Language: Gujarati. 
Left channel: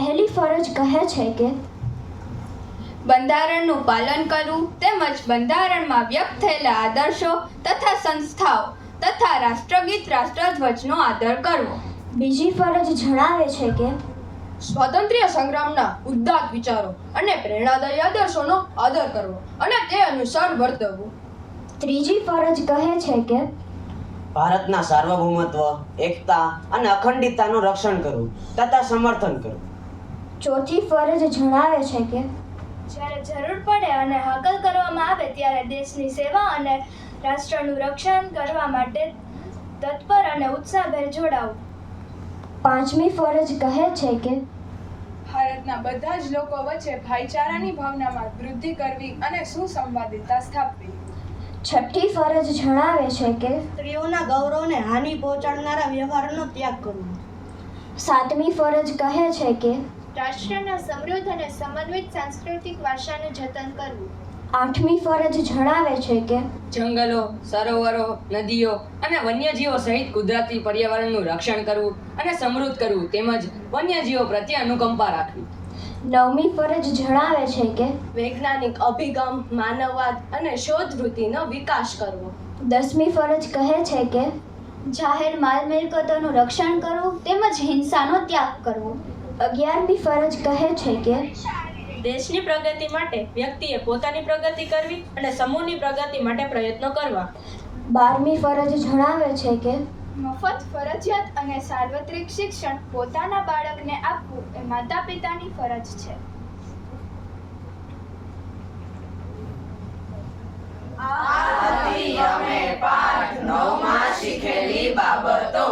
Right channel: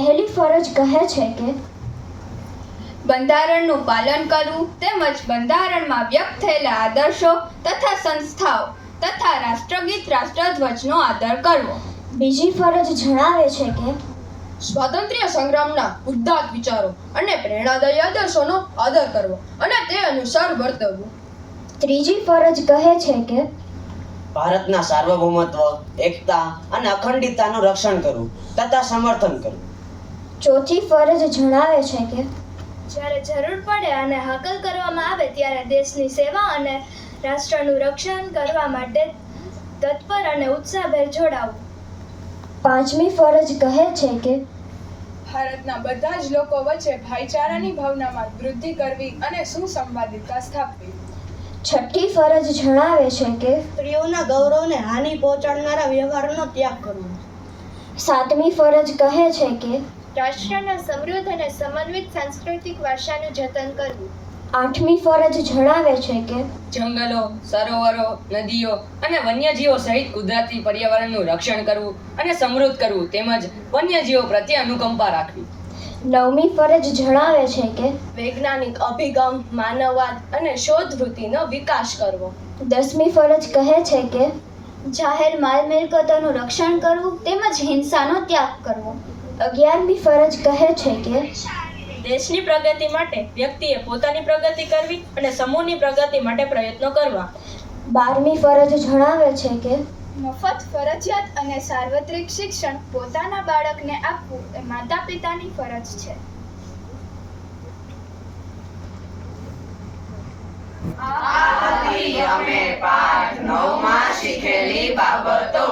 પહેલી ફરજ કહે છે કે બંધારણનું પાલન કરવું તેમજ બંધારણમાં વ્યક્ત થયેલા આદર્શો તથા સંસ્થાઓ તથા રાષ્ટ્રગીત રાષ્ટ્રધ્વજનો આદર કરવો. બીજી ફરજ જણાવે છે કે સ્વાતંત્ર્ય સંગ્રામના ઉદ્દાત્ત વિચારો અને પ્રેરણાદાયી આદર્શોનો આદર કરવો અને તે અનુસાર વર્તવું. ત્રીજી ફરજ કહે છે કે ભારતના સાર્વભૌમત્વ, એકતા અને અખંડિતતાનું રક્ષણ કરવું તથા સમર્થન કરવું. ચોથી ફરજ જણાવે છે કે જ્યારે જરૂર પડે અને હાકલ કરવામાં આવે ત્યારે દેશની સેવા અને રાષ્ટ્રનું રક્ષણ કરવા માટે તત્પર અને ઉત્સાહભેર જોડાવું. પાંચમી ફરજ કહે છે કે ભારતના બધા જ લોકો વચ્ચે ભાઈચારાની ભાવનામાં વૃદ્ધિ કરવી અને સુસંવાદિતા સ્થાપવી. છઠ્ઠી ફરજ જણાવે છે કે સ્ત્રીઓના ગૌરવને હાનિ પહોંચાડનારા વ્યવહારનો ત્યાગ કરવો. સાતમી ફરજ કહે છે કે રાષ્ટ્રના સમૃદ્ધ અને સમન્વિત સાંસ્કૃતિક વારસાનું જતન કરવું. આઠમી ફરજ જણાવે છે કે જંગલો, સરોવરો, નદીઓ અને વન્યજીવો સહિત કુદરતી પર્યાવરણનું રક્ષણ કરવું અને સમૃદ્ધ કરવું તેમજ વન્યજીવો પ્રત્યે અનુકંપા રાખવી. નવમી ફરજ જણાવે છે કે વૈજ્ઞાનિક અભિગમ, માનવવાદ અને શોધ વૃત્તિનો વિકાસ કરવો. દસમી ફરજ કહે છે કે જાહેર માલ મિલકતોનું રક્ષણ કરવું તેમજ હિંસાનો ત્યાગ કરવો. 11મી ફરજ કહે છે કે દેશની પ્રગતિ માટે વ્યક્તિએ પોતાની પ્રગતિ કરવી અને સમૂહની પ્રગતિ માટે પ્રયત્નો કરવા. 12મી ફરજ જણાવે છે કે મફત, ફરજિયાત અને સાર્વત્રિક શિક્ષણ પોતાના બાળકને આપવું એ માતા પિતાની ફરજ છે. આ હતી અમે પાઠ 9 માં શીખેલી બાબતો.